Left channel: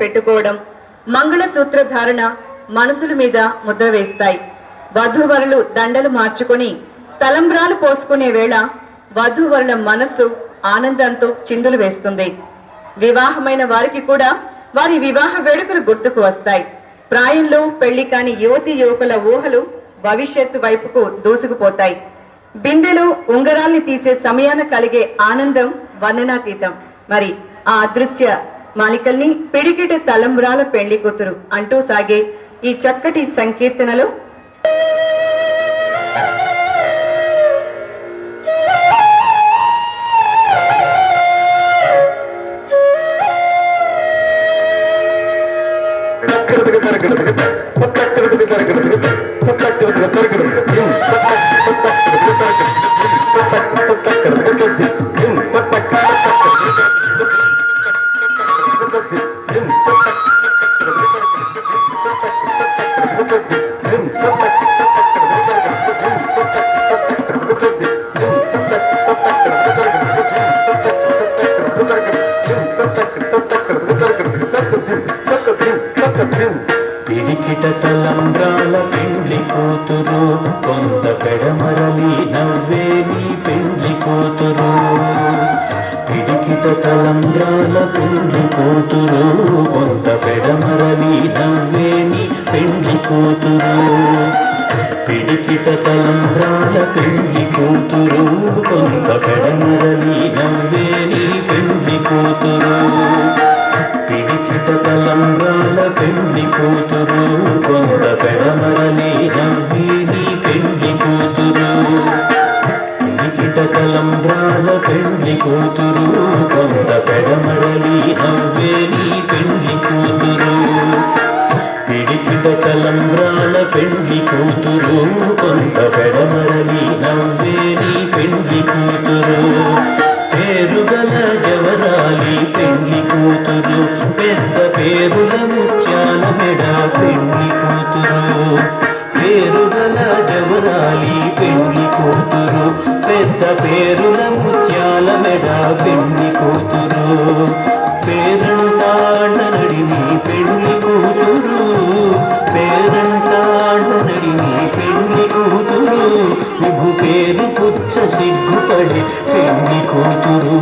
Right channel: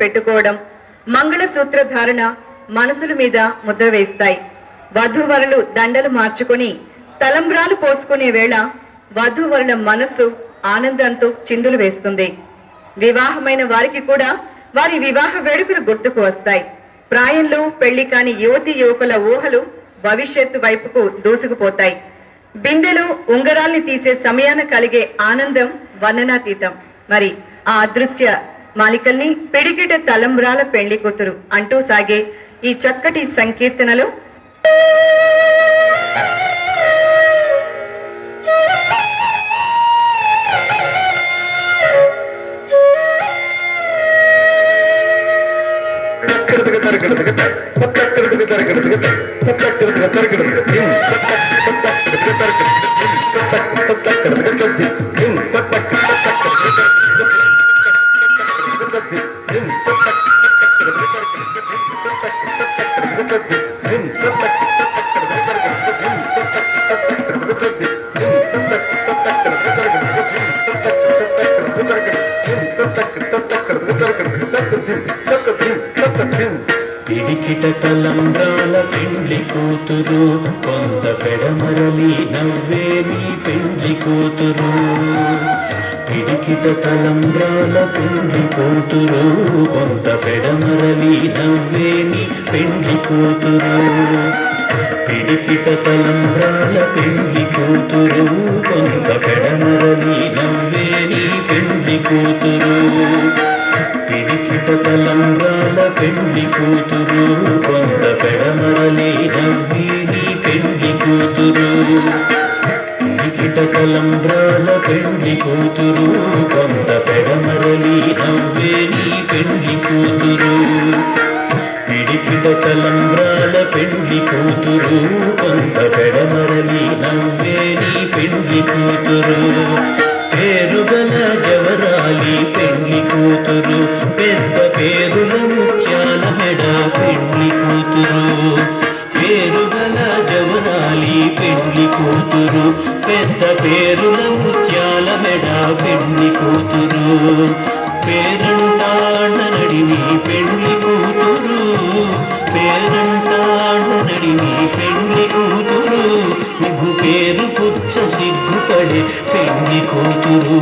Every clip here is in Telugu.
పెట్టుకోవడం, మంగళసూత్ర ధారణ మనసుల మీద ముద్ర వేస్తాయి. వధూవరులు దండలు మార్చుకొని తలంబ్రాలు పోసుకునే వేళ వధూవరుల మనస్సు ఆనందంతో చిందులు వేస్తుంది. వివాహమైన వారికి కూడా వారి వివాహ వేడుకలు గుర్తుకు వస్తాయి. ప్రాయంలో పెళ్లి కాని యువతి యువకుల ఊహలు భవిష్యత్తు వైపుకు దూసుకుపోతాయి. బిందెలో ఉంగరాల్ని తీసే సమయాన కలిగే ఆనందం వర్ణనాతీతం. మరి ఆ అదృశ్య మాలికల్ని పిడికిట తలంబ్రాల పెళ్లి కూతురు అంటూ సాగే ఈ చక్కటి సంకీర్తనలో పిడికిట తలంబ్రాల పెండ్లి కూతురు, కొంత పెడమరలి నవ్వేని పెండ్లి కూతురు. పిడికిట తలంబ్రాల పెండ్లి కూతురు, కొంత పెడమరలి నవ్వేని పెండ్లి కూతురు. పిడికిట తలంబ్రాల పెండ్లి కూతురు, కొంత పెడమరలి నవ్వేని పెండ్లి కూతురు. పిడికిట తలంబ్రాల పెండ్లి కూతురు, కొంత పెడమరలి నవ్వేని పెండ్లి కూతురు. పిడికిట తలంబ్రాల పెండ్లి కూతురు, కొంత పెడమరలి నవ్వేని పెండ్లి కూతురు. పిడికిట తలంబ్రాల పెండ్లి కూతురు, కొంత పెడమరలి నవ్వేని పెండ్లి కూతురు. పేరుగల జవరాలి పెండ్లి కూతురు, పెద్ద పేరుల ముత్యాల మెడ పెండ్లి కూతురు. పేరుగల జవరాలి పెండ్లి కూతురు, పెద్ద పేరుల ముత్యాల మెడ పెండ్లి కూతురు. పేరంటాడనడిని పెండ్లి కూతురు, పేరంటాడనడిని పెండ్లి కూతురు. నువ్వు పేరు పుచ్చ సిగ్గుపడి పెండ్లి కూతురు.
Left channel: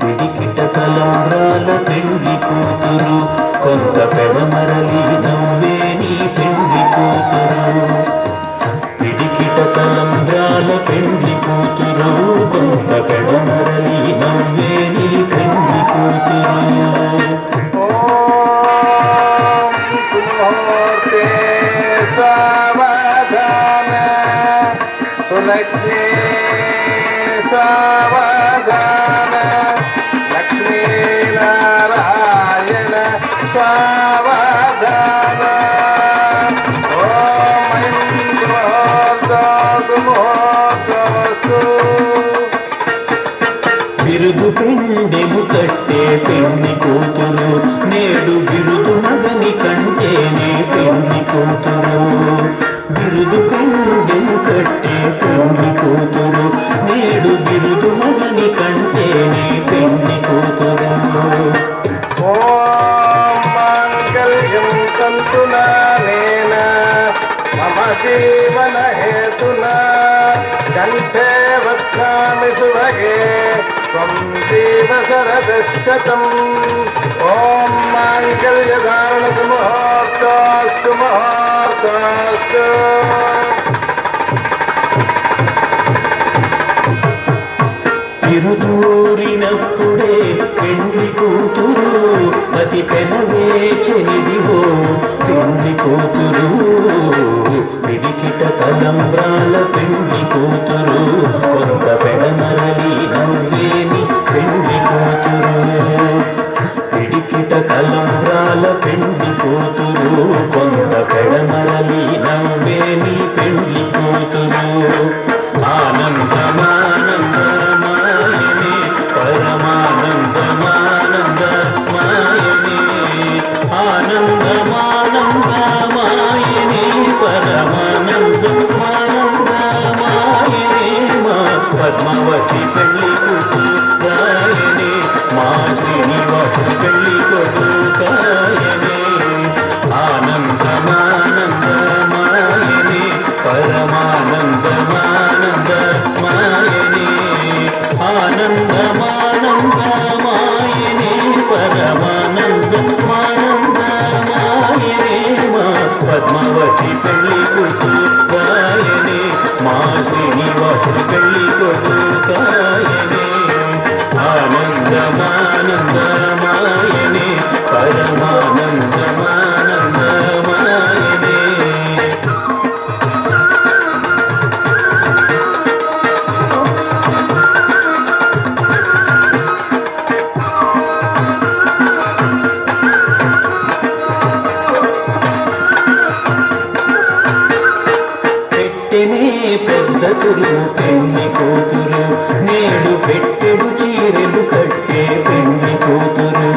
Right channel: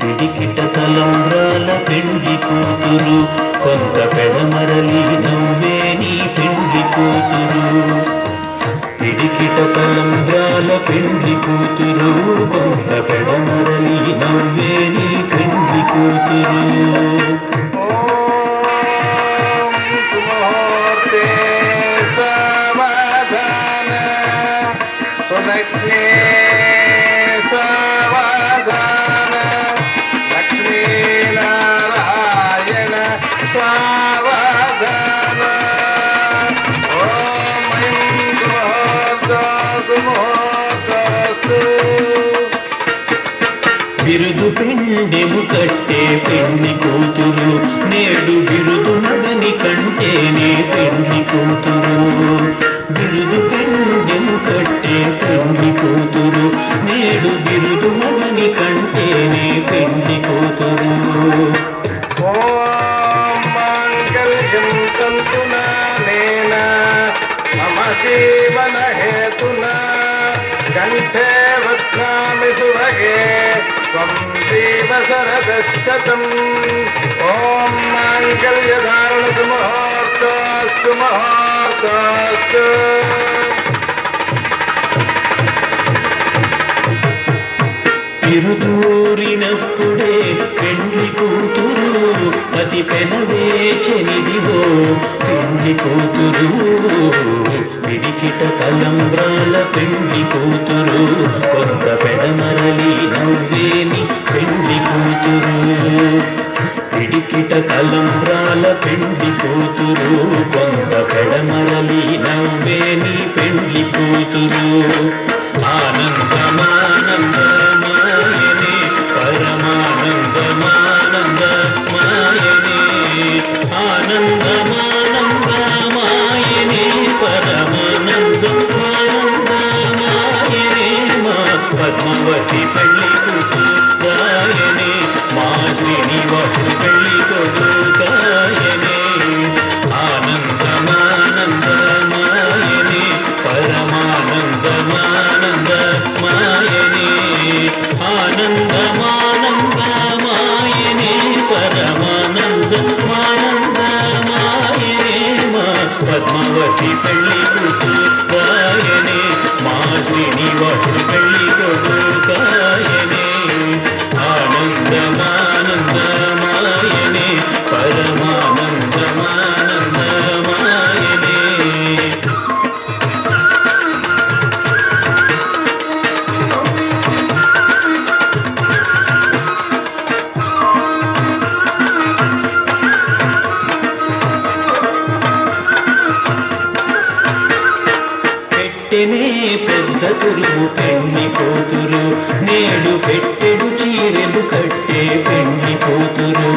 పిడికిట తలంబ్రాల పెండ్లి కూతురు, కొంత పెడమరలి నవ్వేని పెండ్లి కూతురు. పిడికిట తలంబ్రాల పెండ్లి కూతురు, కొంత పెడమరలి నవ్వేని పెండ్లి కూతురు. సులగ్నే సావధాన, లక్ష్మీనారాయణ సావధాన. ఓం ముహూర్తాదు ముహూర్తాస్తు. బిరుదు పెండెము కట్టే పెండ్లి కూతురు, నేడు బిరుదు మగని కంటేనే పెండ్లి కూతురు. బిరుదు పెండెము కట్టే పెండ్లి కూతురు, నేడు బిరుదు మగని కంటేనే పెండ్లి కూతురు. ఓం మాంగళ్యం తంతునా నేన మమ జీవన హేతునా, కంఠే వక్రామి శుభగే త్వం జీవ శరదశతం. ఓం మాంగళ్యధారణతు ముహూర్తాస్తు ముహూర్తాస్తు. తిరుదూరినప్పుడే పెండ్లి కూతురు, అతి పెనవేచనిదివో పెండ్లి కూతురు. పిడికిట తలంబ్రాల పెండ్లి కూతురు, కొంత పెడమరలి నవ్వేని పెండ్లి కూతురు. పిడికిట తలంబ్రాల పెండ్లి కూతురు, కొంత పెడమరలి నవ్వేని పెండ్లి కూతురు. ఆనందమానందమాయనే పరమానందమానందమాయనే, ఆనందమానందమాయనే పరమానందమానందమాయనే. మా పద్మావతి పెళ్లి కూతురు రాయనే, మా శ్రీనివాసుని పెళ్లి కొడుకు తురుము పెళ్లి కూతురు నేడు పెట్టెడు చీరెలు కట్టే పెళ్లి కూతురు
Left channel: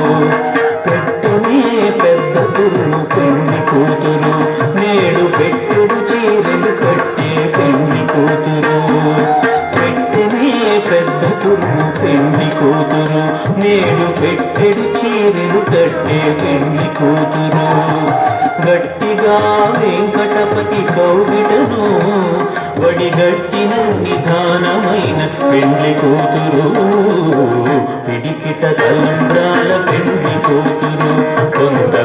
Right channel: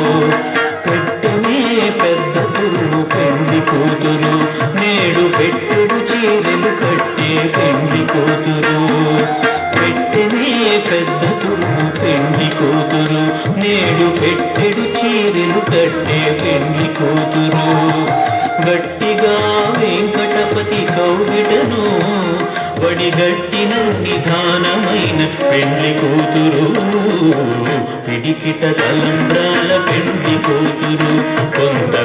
పెట్టనే పెద్ద తురుము పెళ్లి కూతురు నేడు పెట్టెడు చీరెలు కట్టే పెళ్లి కూతురు పెట్టనే పెద్ద తురుము పెళ్లి కూతురు నేడు పెట్టెడు చీరెలు కట్టే పెళ్లి కూతురు గట్టిగా వెంకటపతి కౌగిటను వడిగట్టిన నిధానమైన పెళ్లి కూతురు పిడికిట తలంబ్రాల పెళ్లి కూతురు కొంత